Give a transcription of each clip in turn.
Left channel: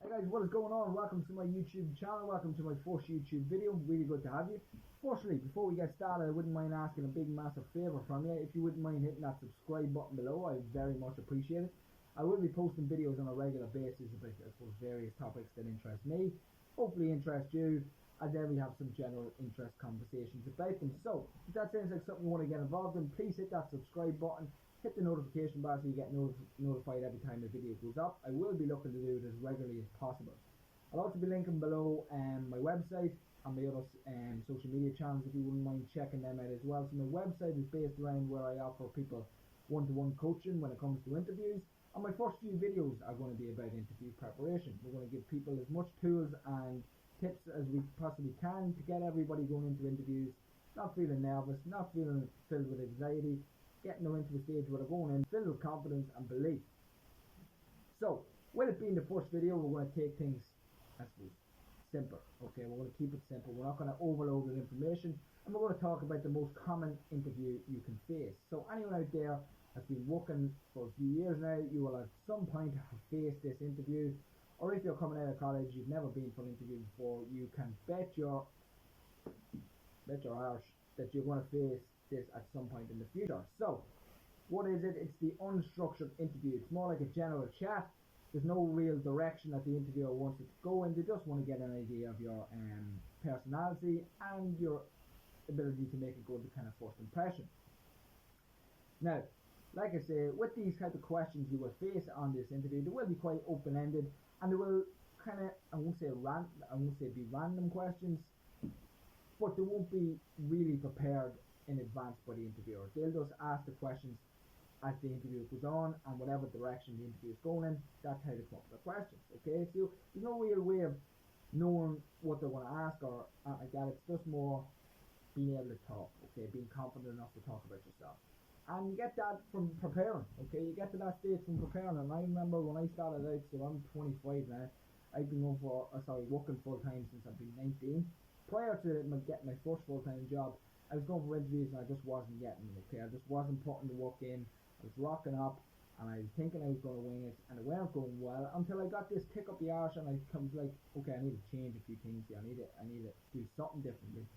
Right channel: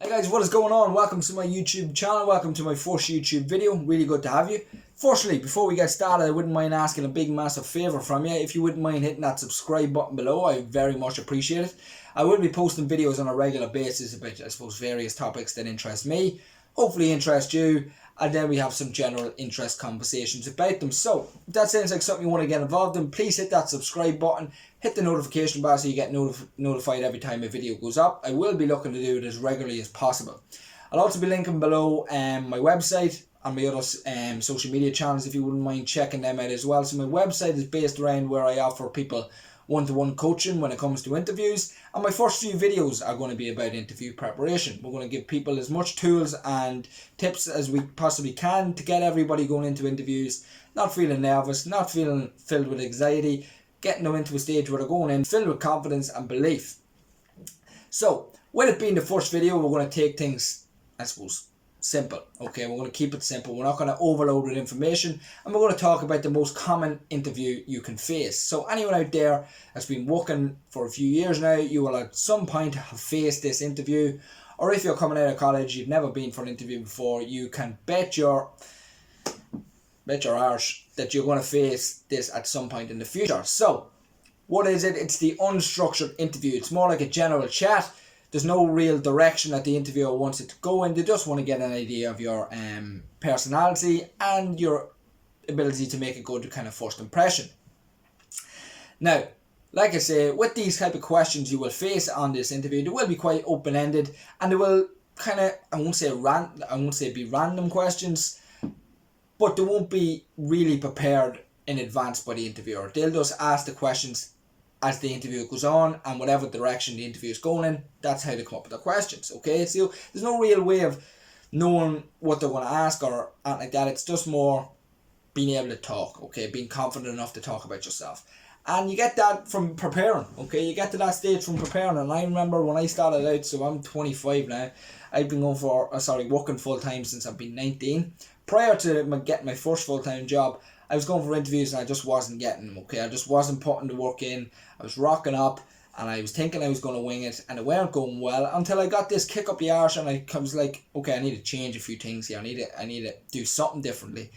Hey guys, what is going on? Welcome to my YouTube channel. Welcome to my first YouTube video. Really good to have you. Firstly, before we get started, I wouldn't mind asking a big massive favour from you. If you wouldn't mind hitting that subscribe button below, I very much appreciate it. I will be posting videos on a regular basis about, I suppose, various topics that interest me, hopefully interest you, and then we have some general interest conversations about them. So, if that sounds like something you want to get involved in, please hit that subscribe button. Hit the notification bar so you get notified every time a video goes up. I will be looking to do it as regularly as possible. I'll also be linking below my website and my other social media channels if you wouldn't mind checking them out as well. So my website is based around where I offer people one-to-one coaching when it comes to interviews, and my first few videos are going to be about interview preparation. We're going to give people as much tools and tips as we possibly can to get everybody going into interviews not feeling nervous, not feeling filled with anxiety, getting them into a stage where they're going in filled with confidence and belief. So, with it being the first video, we're going to take things, I suppose, simple. Okay, we're going to keep it simple. We're not going to overload with information, and we're going to talk about the most common interview you can face. So, anyone out there that's been working for a few years now, you will at some point have faced this interview, or if you're coming out of college, you've never been for an interview before, you can bet your arse that you're going to face this at some point in the future. So, what is it? It's the unstructured interview. It's more like a general chat. There's no real direction that the interviewer wants it to go in. They just want to get an idea of your personality and your ability to make a good kind of first impression. Now, like I say, with these type of questions you will face on this interview, they will be quite open-ended, and they will kind of, I won't say be random questions, but they won't be really prepared in advance by the interviewer. They'll just ask the questions as the interview goes on, and whatever direction the interview is going in, that's how they come up with the questions. Okay, so there's no real way of knowing what they're going to ask or anything like that. It's just more being able to talk, okay, being confident enough to talk about yourself. And you get that from preparing, okay? You get to that stage from preparing. And I remember when I started out, so I'm 25 now, I've been working full time since I've been 19. Prior to getting my first full-time job, I was going for interviews and I just wasn't getting them, okay? I just wasn't putting the work in. I was rocking up and I was thinking I was going to wing it, and it weren't going well until I got this kick up the arse, and I was like, okay, I need to change a few things here. I need to do something differently.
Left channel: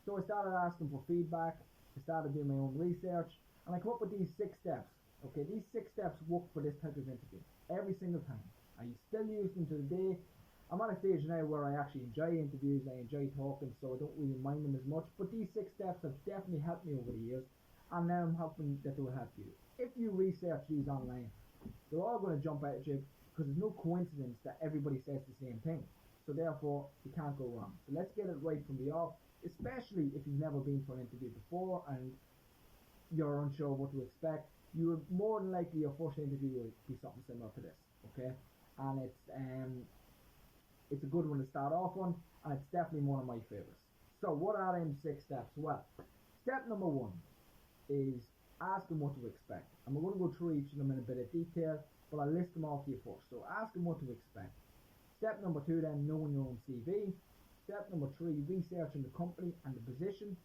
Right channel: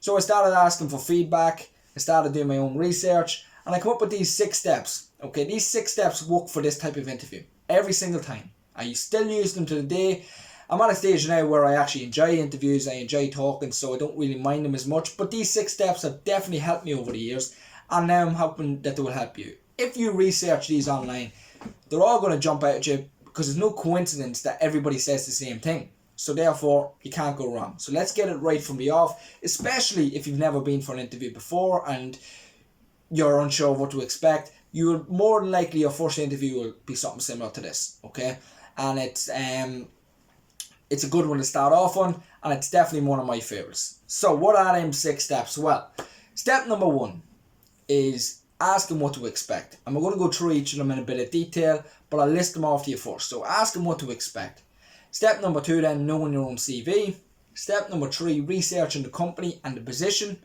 So I started asking for feedback. I started doing my own research, and I come up with these 6 steps, okay? These 6 steps work for this type of interview every single time. I still use them to the day. I'm at a stage now where I actually enjoy interviews, I enjoy talking, so I don't really mind them as much. But these 6 steps have definitely helped me over the years, and now I'm hoping that they will help you. If you research these online, they're all going to jump out at you because there's no coincidence that everybody says the same thing. So therefore, you can't go wrong. So let's get it right from the off, especially if you've never been for an interview before and you're unsure of what to expect. You're more than likely your first interview will be something similar to this, okay? And it's a good one to start off on, and it's definitely one of my favourites. So what are them 6 steps? Well, step number 1 is asking what to expect. And we're going to go through each of them in a bit of detail, but I'll list them off to you first. So asking what to expect. Step number 2 then, knowing your own CV. Step number 3, researching the company and the position.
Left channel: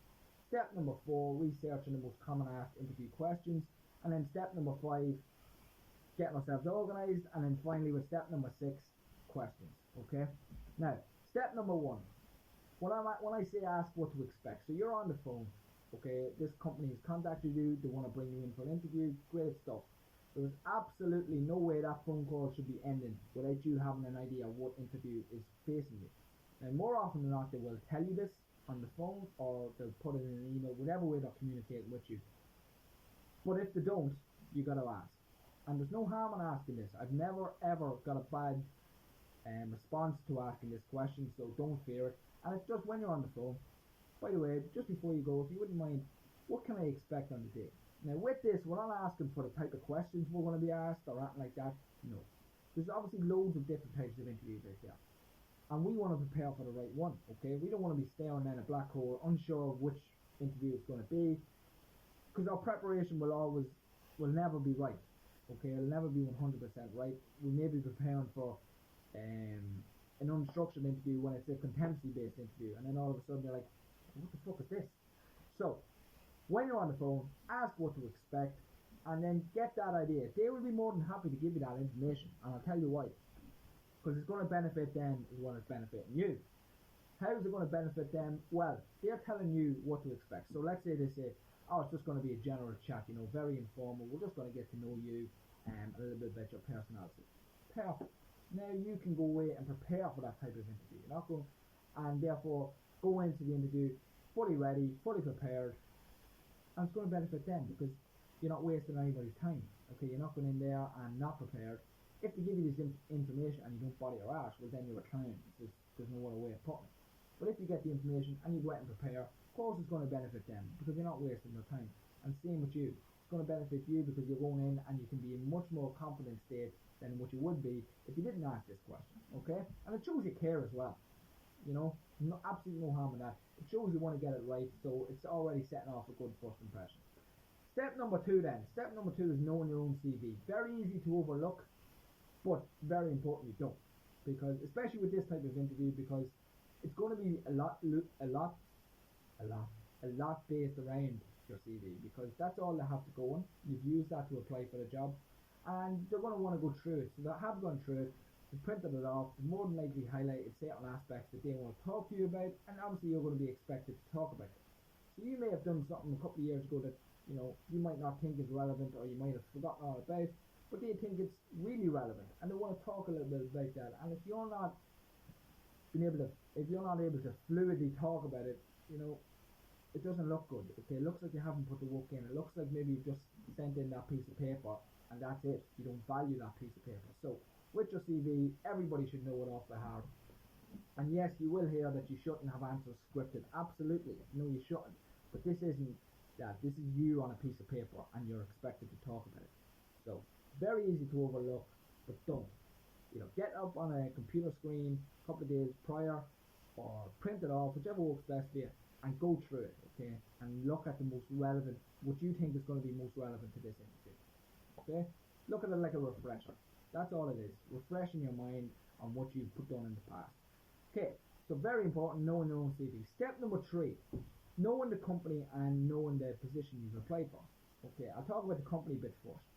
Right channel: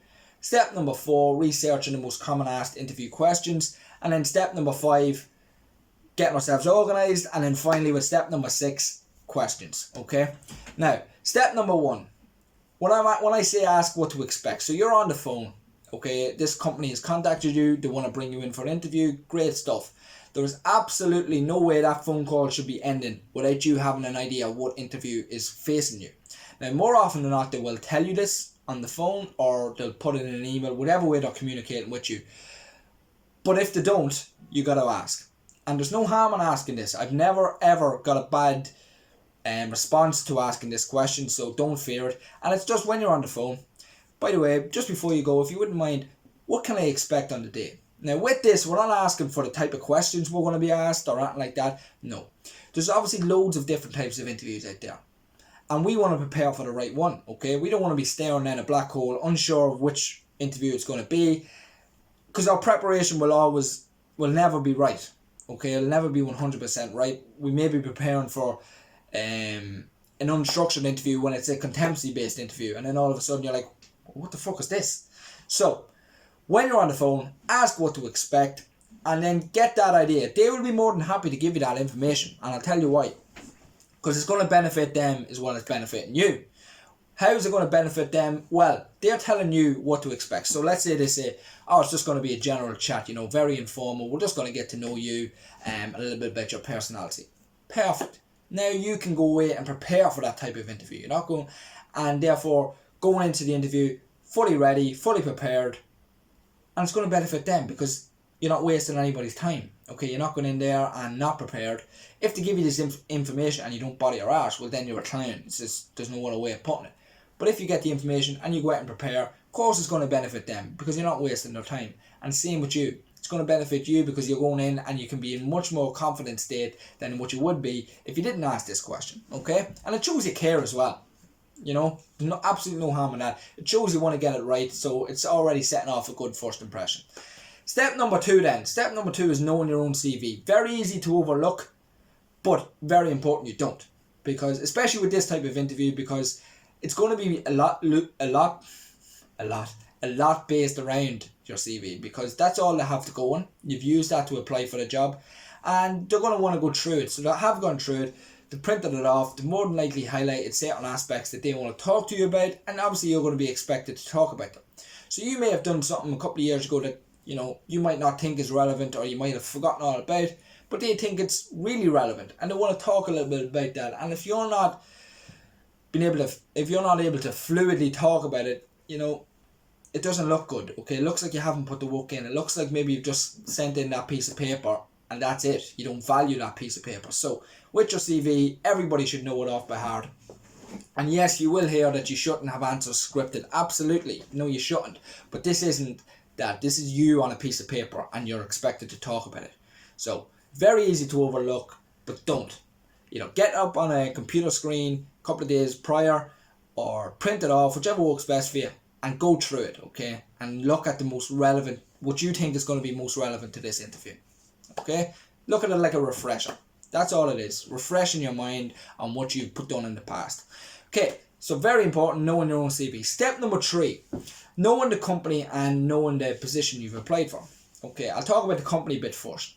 Step number 4, researching the most common asked interview questions. And then step number 5, getting ourselves organised. And then finally with step number 6, questions. Okay, now step number 1, when I say ask what to expect, so you're on the phone, okay, this company has contacted you, they want to bring you in for an interview, great stuff. There's absolutely no way that phone call should be ending without you having an idea what interview is facing you. Now more often than not, they will tell you this on the phone, or they'll put it in an email, whatever way they're communicating with you. But if they don't, you got to ask, and there's no harm in asking this. I've never ever got a bad response to asking this question, so don't fear it. And it's just when you're on the phone. By the way, just before you go, if you wouldn't mind, what can I expect on the day? Now with this, we're not asking for the type of questions we're going to be asked or anything like that. No, there's obviously loads of different types of interviews out there, and we want to prepare for the right one, okay? We don't want to be staring down a black hole unsure of which interview it's going to be, because our preparation will never be right, okay? It'll never be 100% right. We may be preparing for an unstructured interview when it's a competency based interview, and then all of a sudden you're like, what the fuck is this? So when you're on the phone, ask what to expect, and then get that idea. They will be more than happy to give you that information, and I'll tell you why. because it's going to benefit them as well as benefiting you. How is it going to benefit them? Well, they're telling you what to expect. So let's say they say, oh, it's just going to be a general chat, very informal. We're just going to get to know you a little bit about your personality. Perfect. Now you can go away and prepare for that type of interview. You're not going, and therefore going into the interview fully ready, fully prepared, and it's going to benefit them because you're not wasting anybody's time. Okay, you're not going in there and not prepared. If they give you this information and you don't bother your arse, well then you're a clown. It's just, there's no other way of putting it. But if you get the information and you go out and prepare, of course it's going to benefit them because you're not wasting their time. And same with you. It's going to benefit you because you're going in and you can be in much more confident state than what you would be if you didn't ask this question. Okay? And it shows you care as well. There's absolutely no harm in that. It shows you want to get it right, so it's already setting off a good first impression. Step number 2 then. Step number 2 is knowing your own CV. Very easy to overlook, but very important you don't. Because, especially with this type of interview, because it's going to be a lot based around your CV, because that's all they have to go on. You've used that to apply for the job, and they're going to want to go through it. So they have gone through it, they printed it off, they more than likely highlighted certain aspects that they want to talk to you about, and obviously you're going to be expected to talk about them. So you may have done something a couple of years ago that you might not think is relevant, or you might have forgotten all about, but they think it's really relevant and they want to talk a little bit about that. And if you're not able to fluidly talk about it, it doesn't look good. Okay, it looks like you haven't put the work in. It looks like maybe you've just sent in that piece of paper and that's it. You don't value that piece of paper. So with your CV, everybody should know it off by heart. And yes, you will hear that you shouldn't have answers scripted. Absolutely, no, you shouldn't. But this isn't that. This is you on a piece of paper and you're expected to talk about it. So very easy to overlook, but don't. Get up on a computer screen a couple of days prior, or print it off, whichever works best for you, and go through it, okay? And look at the most relevant, what you think is going to be most relevant to this interview, okay? Look at it like a refresher. That's all it is, refreshing your mind on what you've put down in the past. Okay, so very important, knowing your own CV. Step number 3, knowing the company and knowing the position you've applied for. Okay, I'll talk about the company bit first.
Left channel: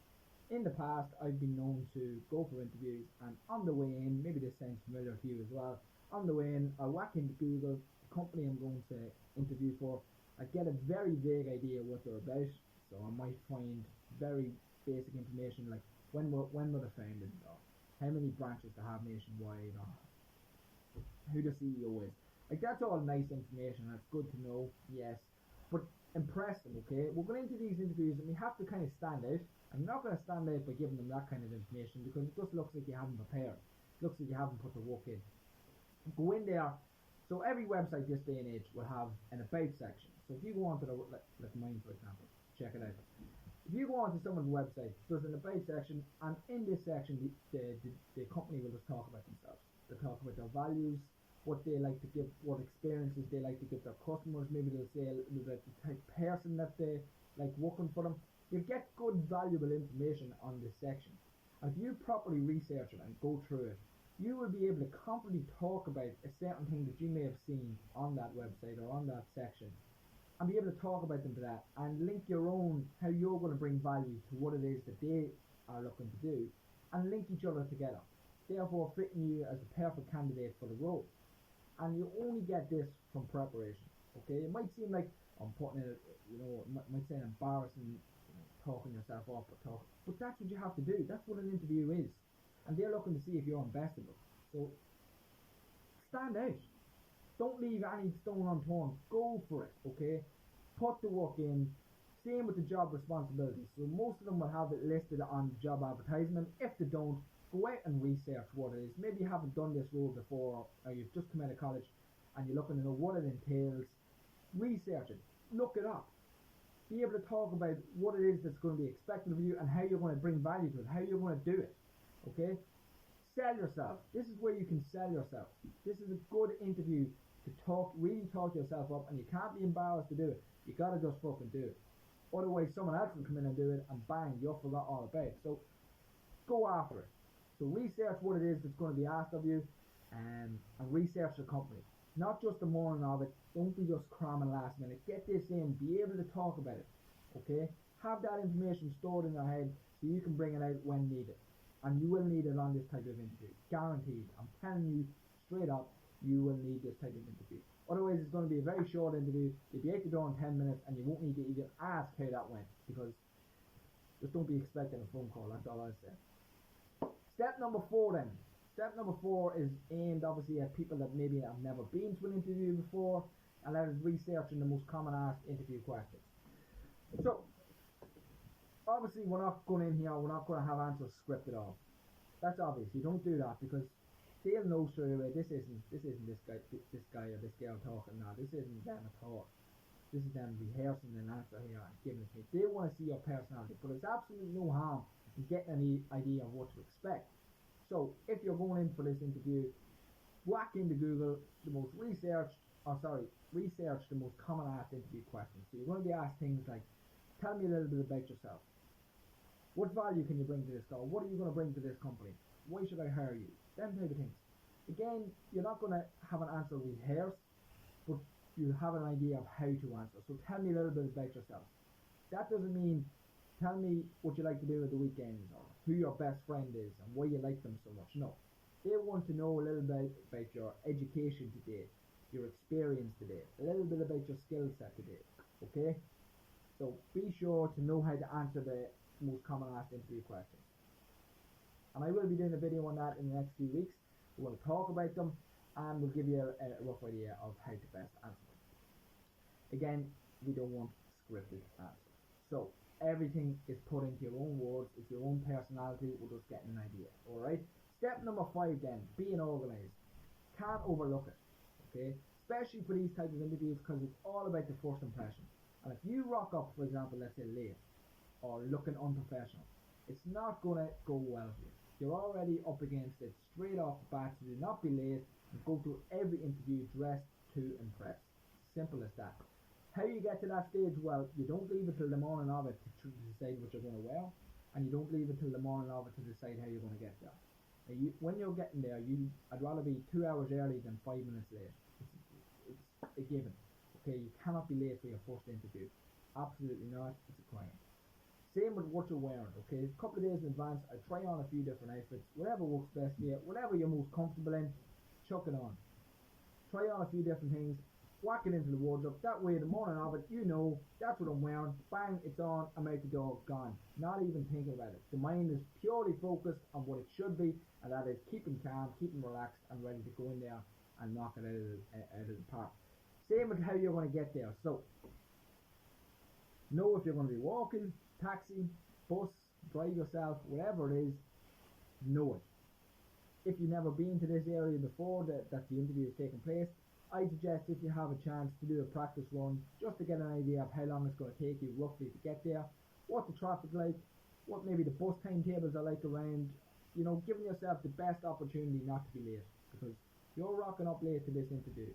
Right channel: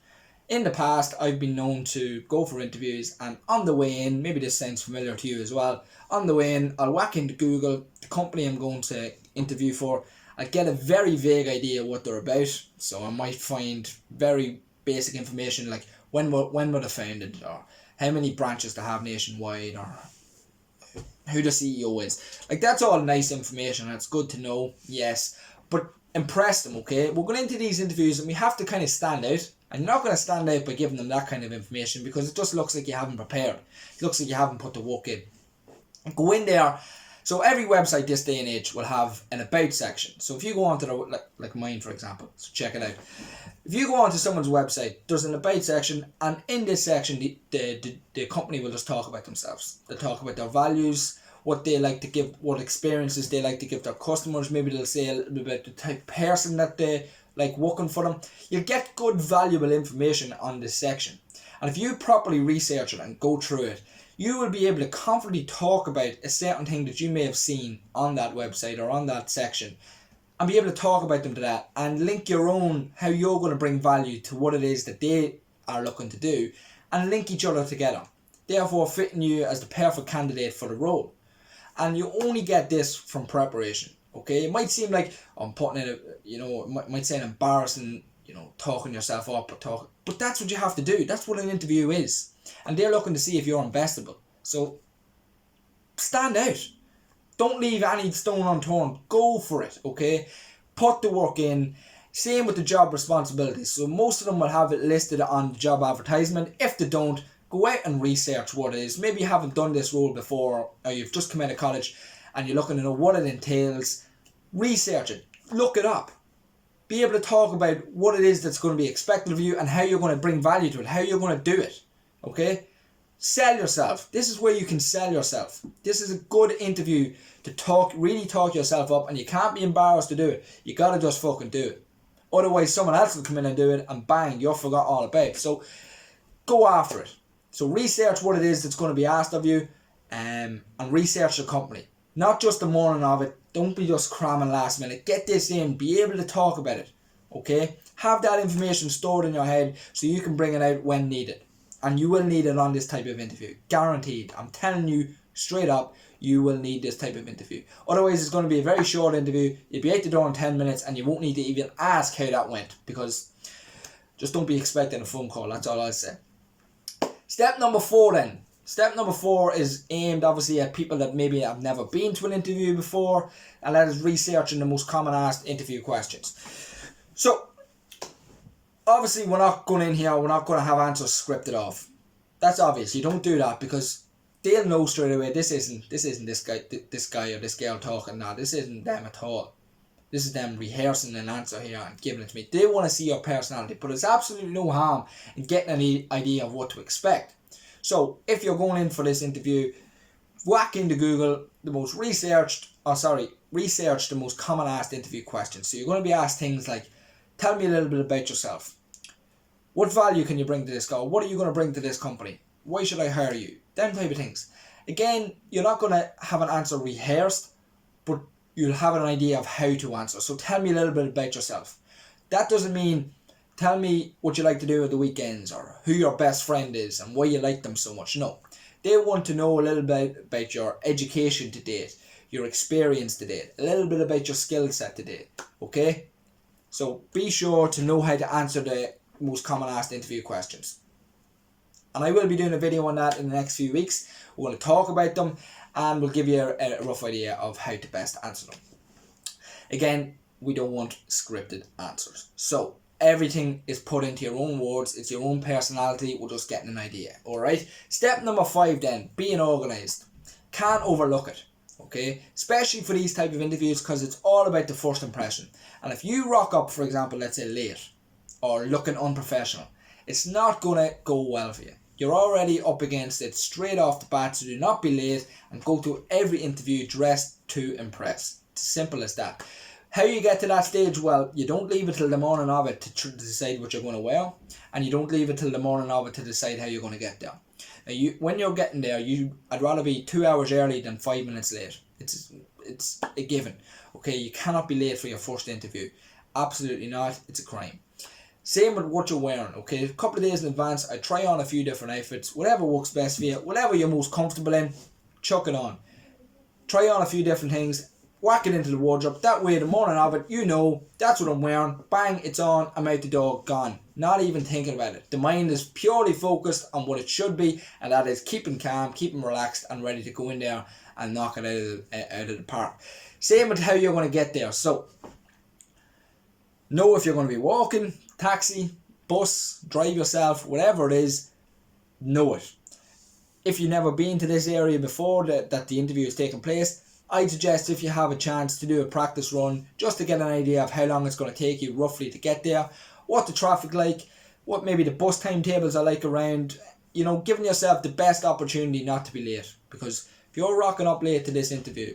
In the past, I've been known to go for interviews, and on the way in, maybe this sounds familiar to you as well, on the way in, I'll whack into Google the company I'm going to interview for. I get a very vague idea what they're about, so I might find very basic information like when were they founded, or how many branches they have nationwide, or who the CEO is. Like, that's all nice information and it's good to know, yes, but impress them, okay? We're going into these interviews and we have to kind of stand out, and you're not going to stand out by giving them that kind of information because it just looks like you haven't prepared. It looks like you haven't put the work in. Go in there. So every website this day and age will have an about section. So if you go onto like mine, for example, so check it out. If you go onto someone's website, there's an about section, and in this section the company will just talk about themselves. They'll talk about their values, what they like to give, what experiences they like to give their customers. Maybe they'll say a little bit about the type of person that they like working for them. You'll get good valuable information on this section, and if you properly research it and go through it, you will be able to confidently talk about a certain thing that you may have seen on that website or on that section, and be able to talk about them to that, and link your own, how you're going to bring value to what it is that they are looking to do, and link each other together, therefore fitting you as the perfect candidate for the role. And you only get this from preparation, okay? It might seem like I'm putting in it might sound embarrassing, talking yourself up, but that's what you have to do. That's what an interview is. And they're looking to see if you're investable. So stand out. Don't leave any stone unturned. Go for it, okay? Put the work in. Same with the job responsibilities. So most of them will have it listed on the job advertisement. If they don't, go out and research what it is. Maybe you haven't done this role before, or you've just come out of college and you're looking to know what it entails. Research it. Look it up. Be able to talk about what it is that's going to be expected of you and how you're going to bring value to it, how you're going to do it. Okay? Sell yourself. This is where you can sell yourself. This is a good interview to really talk yourself up, and you can't be embarrassed to do it. You gotta just fucking do it. Otherwise someone else will come in and do it, and bang, you're forgot all about it. So go after it. So research what it is that's going to be asked of you, and research the company. Not just the morning of it. Don't be just cramming last minute. Get this in. Be able to talk about it. Okay? Have that information stored in your head so you can bring it out when needed. And you will need it on this type of interview. Guaranteed. I'm telling you straight up, you will need this type of interview. Otherwise, it's going to be a very short interview. You'll be out the door in 10 minutes and you won't need to even ask how that went, because just don't be expecting a phone call. That's all I'll say. Step number 4 then. Step number 4 is aimed obviously at people that maybe have never been to an interview before, and that is researching the most common asked interview questions. So, obviously we're not going in here, we're not going to have answers scripted off. That's obvious. You don't do that, because they'll know straight away this isn't this guy or this girl talking now. This isn't them at all. This is them rehearsing an answer here and giving it to me. They want to see your personality, but it's absolutely no harm in getting an idea of what to expect. So if you're going in for this interview, whack into Google research the most common asked interview questions. So you're going to be asked things like, tell me a little bit about yourself. What value can you bring to this guy? What are you going to bring to this company? Why should I hire you? Them type of things. Again, you're not going to have an answer rehearsed, but you'll have an idea of how to answer. So tell me a little bit about yourself. That doesn't mean tell me what you like to do at the weekends or who your best friend is and why you like them so much. No. They want to know a little bit about your education to date, your experience to date, a little bit about your skill set to date. Okay? So be sure to know how to answer the most common asked interview questions. And I will be doing a video on that in the next few weeks. We're going to talk about them and we'll give you a rough idea of how to best answer them. Again, we don't want scripted answers. So everything is put into your own words. It's your own personality. We're just getting an idea. Alright? Step number 5 then, being organised. Can't overlook it. Okay? Especially for these type of interviews, because it's all about the first impression. And if you rock up, for example, let's say late or looking unprofessional, it's not going to go well for you. You're already up against it straight off the bat, so do not be late and go to every interview dressed to impress. It's simple as that. How you get to that stage? Well, you don't leave it till the morning of it to decide what you're going to wear, and you don't leave it till the morning of it to decide how you're going to get there. Now, when you're getting there, I'd rather be 2 hours early than 5 minutes late. It's a given. Okay, you cannot be late for your first interview. Absolutely not. It's a crime. Same with what you're wearing, okay? A couple of days in advance, I try on a few different outfits. Whatever works best for you, whatever you're most comfortable in, chuck it on. Try on a few different things, whack it into the wardrobe. That way, the morning of it, you know, that's what I'm wearing. Bang, it's on, I'm out the door, gone. Not even thinking about it. The mind is purely focused on what it should be, and that is keeping calm, keeping relaxed, and ready to go in there and knock it out of the park. Same with how you're going to get there. So, know if you're going to be walking, taxi, bus, drive yourself, whatever it is, know it. If you've never been to this area before that the interview is taking place, I'd suggest if you have a chance to do a practice run just to get an idea of how long it's going to take you roughly to get there, what the traffic like, what maybe the bus timetables are like around, you know, giving yourself the best opportunity not to be late. Because if you're rocking up late to this interview,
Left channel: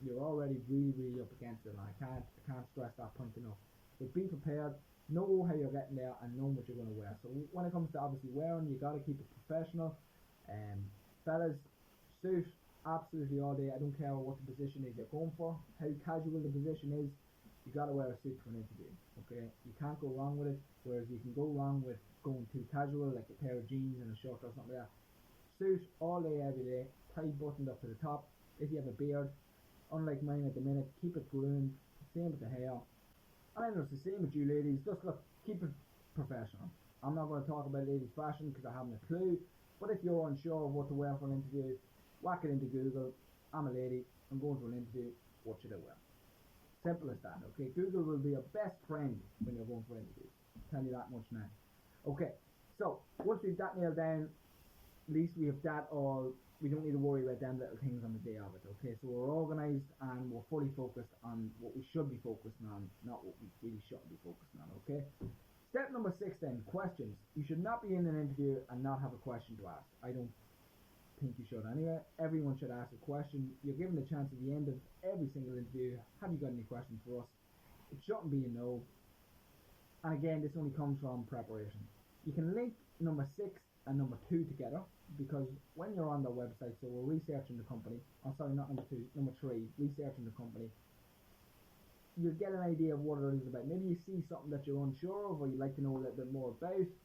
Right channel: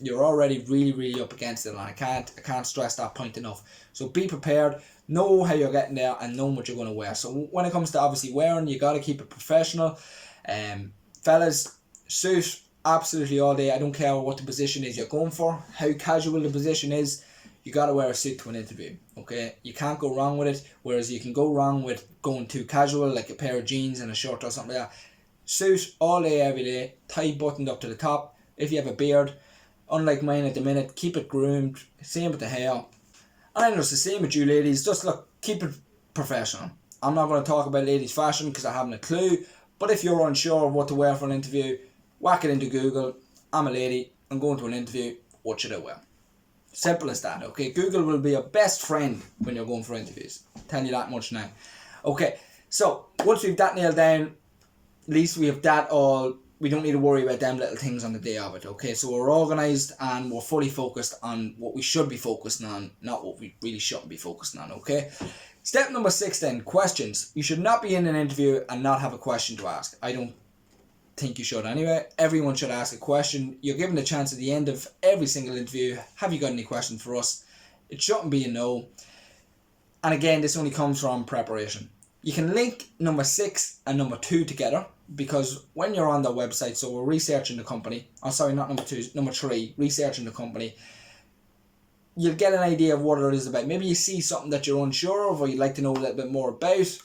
you're already really up against it, and I can't stress that point enough. So be prepared, know how you're getting there, and know what you're going to wear. So when it comes to obviously wearing, you got to keep it professional. Fellas, suit absolutely all day. I don't care what the position is you're going for, how casual the position is, you got to wear a suit to an interview. Okay, you can't go wrong with it. Whereas you can go wrong with going too casual, like a pair of jeans and a shirt or something like that. Suit all day every day, tie buttoned up to the top. If you have a beard, unlike mine at the minute, keep it groomed. Same with the hair. And I know it's the same with you ladies. Just look, keep it professional. I'm not going to talk about ladies' fashion because I haven't a clue. But if you're unsure of what to wear for an interview, whack it into Google. I'm a lady, I'm going to an interview, what should I wear? Simple as that, okay? Google will be your best friend when you're going for interviews. I'm telling you that much now. Okay, so once we've that nailed down, at least we have that all. We don't need to worry about them little things on the day of it, okay? So we're organised and we're fully focused on what we should be focusing on, not what we really shouldn't be focusing on, okay? Step number 6 then, questions. You should not be in an interview and not have a question to ask. I don't think you should anyway. Everyone should ask a question. You're given a chance at the end of every single interview. Have you got any questions for us? It shouldn't be a no. And again, this only comes from preparation. You can link number 6 and number 2 together, because when you're on their website, so we're researching the company, not number 2, number 3, researching the company, you'll get an idea of what it is about. Maybe you see something that you're unsure of or you'd like to know a little bit more about.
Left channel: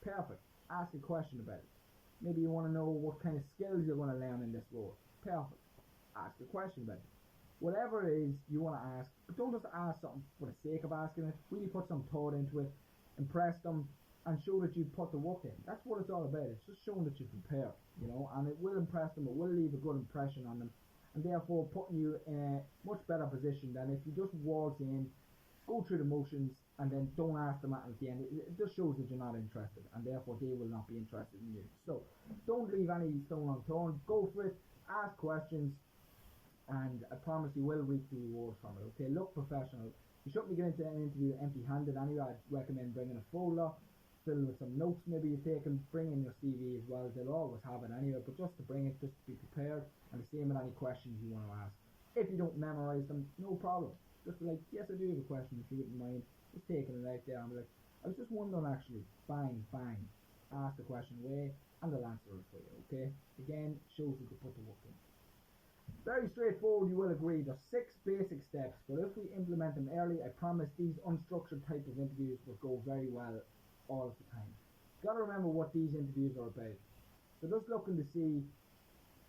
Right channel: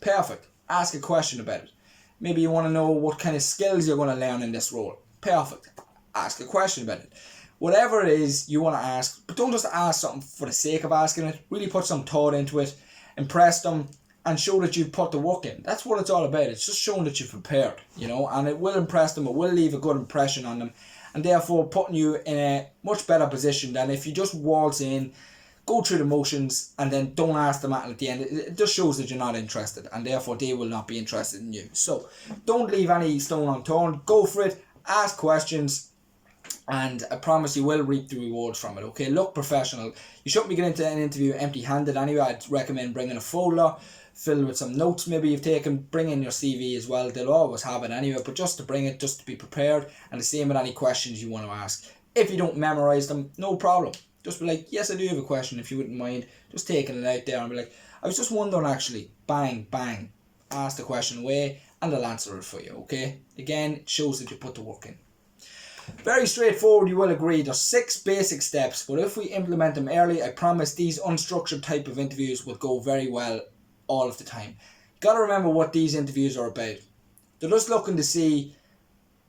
Perfect. Ask a question about it. Maybe you want to know what kind of skills you're going to learn in this role. Perfect. Ask a question about it. Whatever it is you want to ask, but don't just ask something for the sake of asking it. Really put some thought into it, impress them, and show that you've put the work in. That's what it's all about. It's just showing that you've prepared, and it will impress them. It will leave a good impression on them, and therefore putting you in a much better position than if you just waltz in, go through the motions, and then don't ask them at the end. It just shows that you're not interested, and therefore they will not be interested in you. So don't leave any stone unturned. Go for it. Ask questions, and I promise you will reap the rewards from it. Okay, look professional. You shouldn't be getting into an interview empty-handed anyway. I'd recommend bringing a folder filled with some notes maybe you've taken. Bring in your CV as well. They'll always have it anyway, but just to bring it, just to be prepared. And the same with any questions you want to ask. If you don't memorize them, no problem. Just be like, yes, I do have a question, if you wouldn't mind just taking it out there and be like, I was just wondering actually. Bang, bang. Ask the question away and they'll answer it for you, okay? Again, it shows that you put the work in. Very straightforward, you will agree. There's 6 basic steps, but if we implement them early, I promise these unstructured type of interviews will go very well all of the time. Got to remember what these interviews are about. They're just looking to see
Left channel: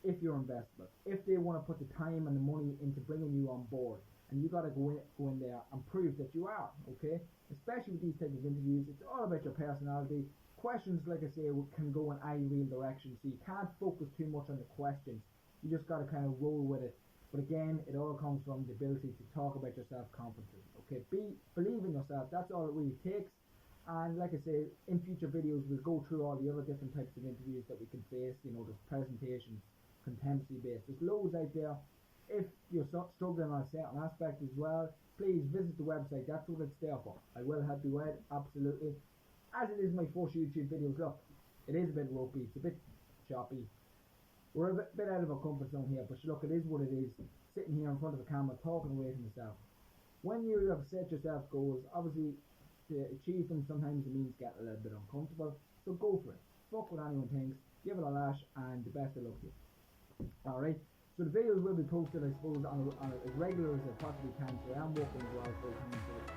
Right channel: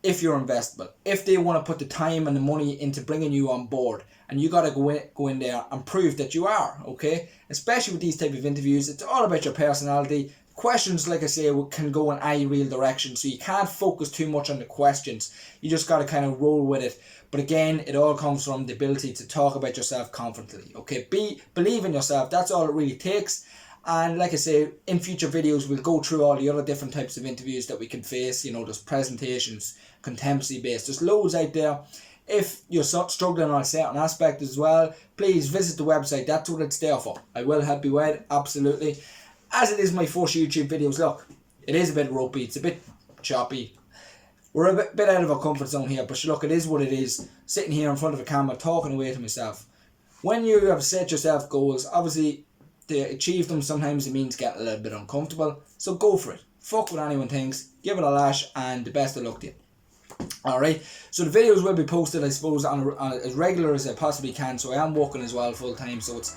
if you're investable, if they want to put the time and the money into bringing you on board, and you got to go in there and prove that you are, okay? Especially with these type of interviews, it's all about your personality. Questions, like I say, can go in any real direction, so you can't focus too much on the questions. You just got to kind of roll with it. But again, it all comes from the ability to talk about yourself confidently, okay? Believe in yourself. That's all it really takes. And like I say, in future videos, we'll go through all the other different types of interviews that we can face. There's presentations, competency based. There's loads out there. If you're struggling on a certain aspect as well, please visit the website. That's what it's there for. I will help you out, absolutely. As it is my first YouTube videos, look, it is a bit ropey, it's a bit choppy. We're a bit out of our comfort zone here, but look, it is what it is. Sitting here in front of a camera, talking away to myself. When you have set yourself goals, obviously, to achieve them, sometimes it means getting a little bit uncomfortable. So go for it. Fuck what anyone thinks. Give it a lash, and the best of luck to you. Alright, so the videos will be posted, I suppose, on as regular as I possibly can. So I am working as well full time, so it's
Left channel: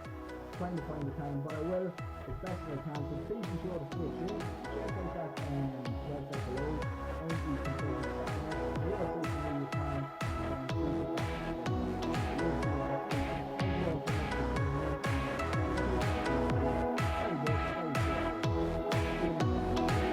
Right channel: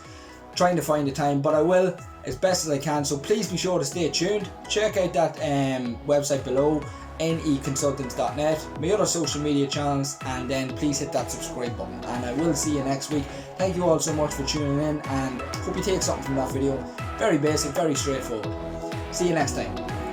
trying to find the time, but I will as best as I can. So please be sure to stay tuned. Check out that website below, neconsultants.net, my other social media channels, and then please hit that subscribe button. And I will see you next week. Thank you all so much for tuning in, and hope you take something from that video. Very basic, very straightforward. See you next time.